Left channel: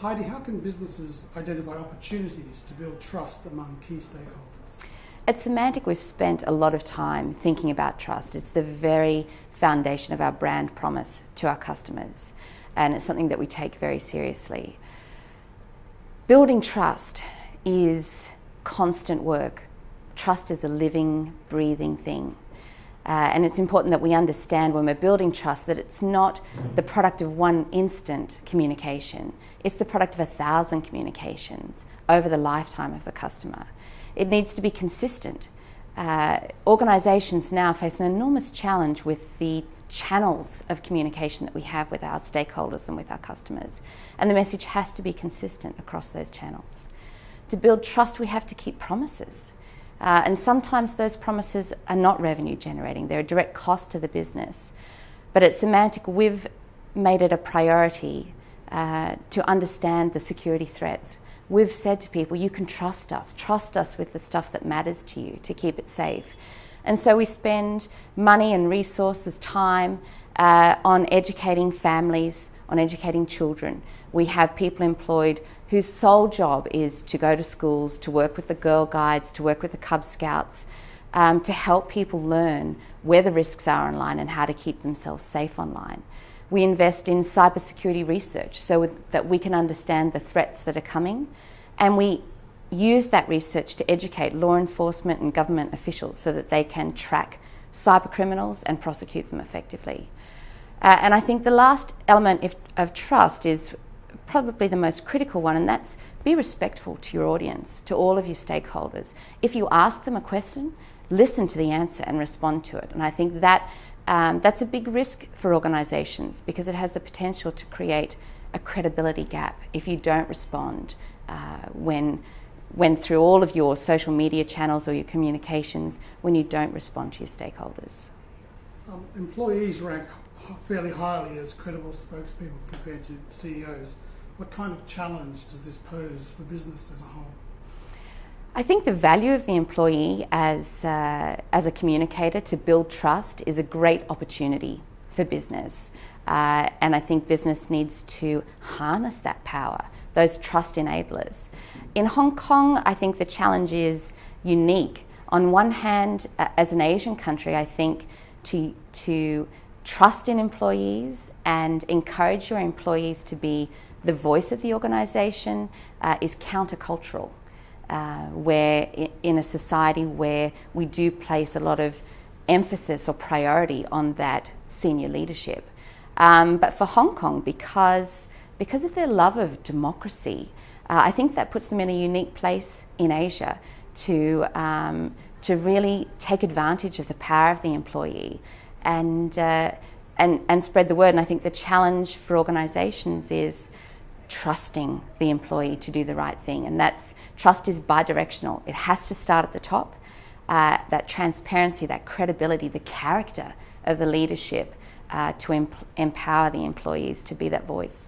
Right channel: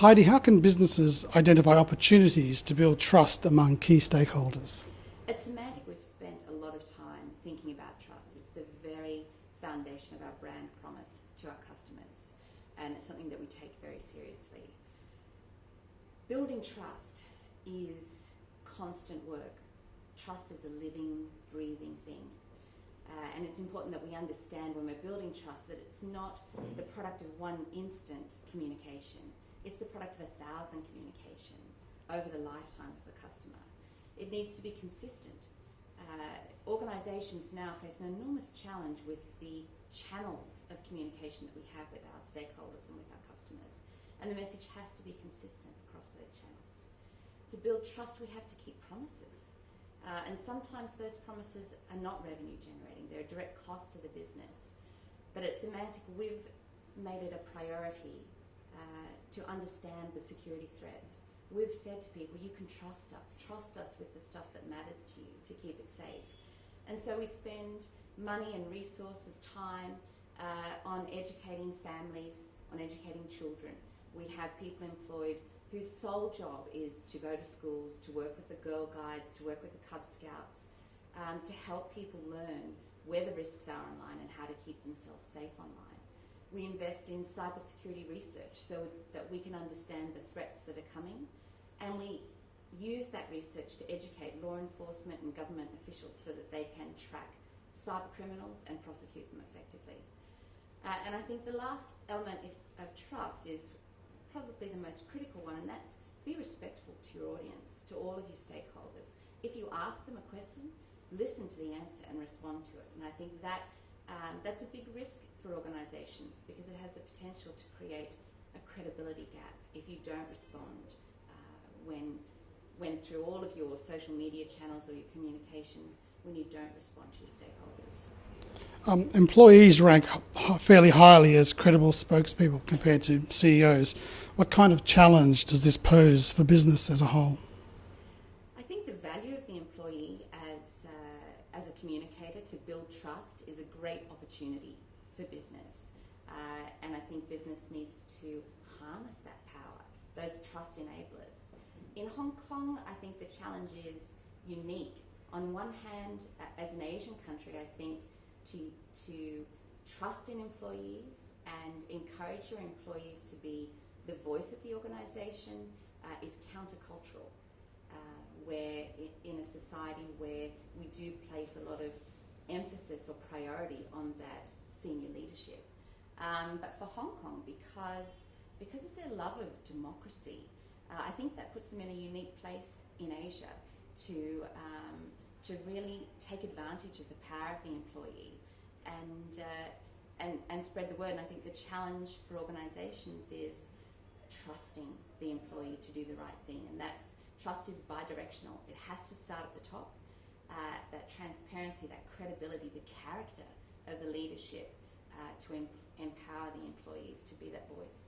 Heidi, how can businesses identify opportunities to build trust among key stakeholders? At Symantec, we've spent a lot of time thinking about trust. It's the very foundation of our brand promise to our customers, and it's something that we take very seriously. Building trust is constant work. Trust is a living, breathing thing. And it's important that we understand when we're building trust that it's not the product of one instant communication. It's the product of 1,000 communications over the lifetime of the customer. It needs to be consistent. Organisations now face an enormous challenge with the channels of communication that we have with our stakeholders and with our customers. And the message has to be consistent across those channels. To build trust, we have to keep promises. And sometimes those promises are not revenue generating. They're a direct cost to the business. But at Symantec, we've made it a priority to understand the security threats. We've said to people, you can trust us with the stuff that matters to you to keep it safe. And so we spend money and resources, time on educating families, on educating children. We have people employed whose sole job is to go to schools, to work with the Girl Guides, to work with the Cub Scouts, to help people learn where the risks are online and how to keep themselves safe online. We invest in cybersecurity research so that we can understand the threats that are coming, and we use that research to educate law enforcement and government officials so that they can track cyber criminals and prosecute them effectively. And I think the last element of trust is probably the most critical one, and that's be respectful to your audience, to all of your stakeholders. If you ask them a question, listen to the answer and respond to it. And I think that that's a big risk for organisations because it has the potential to create a credibility gap if you don't respond when through all of your social media channels or your communications, when you don't respond to your stakeholders. Employees rank fairly highly as credible spokespeople compared to CEOs. What kind of challenge does this pose for business as a whole? I think the value of the employee as a communicator to build trust is a great opportunity for business. And I think business needs to harness that power, those trust enablers. In Hong Kong, I think the challenge is unique. On one hand, as an Asian country, I think to trust in employees and encourage your employees to be the voice of the organisation is countercultural, where in a society where we do place a lot of emphasis or priority on that senior leadership. But for Hong Kong, because of their love of democracy, I think that puts them in a unique place in Asia to really take advantage of the power of the employee and spread the word. And I think the challenge for organisations is trusting the employee to do the right thing. And trust is bi-directional. It has to start at the top. That transparency, that credibility, the character of the leadership to empower the employees to be that voice.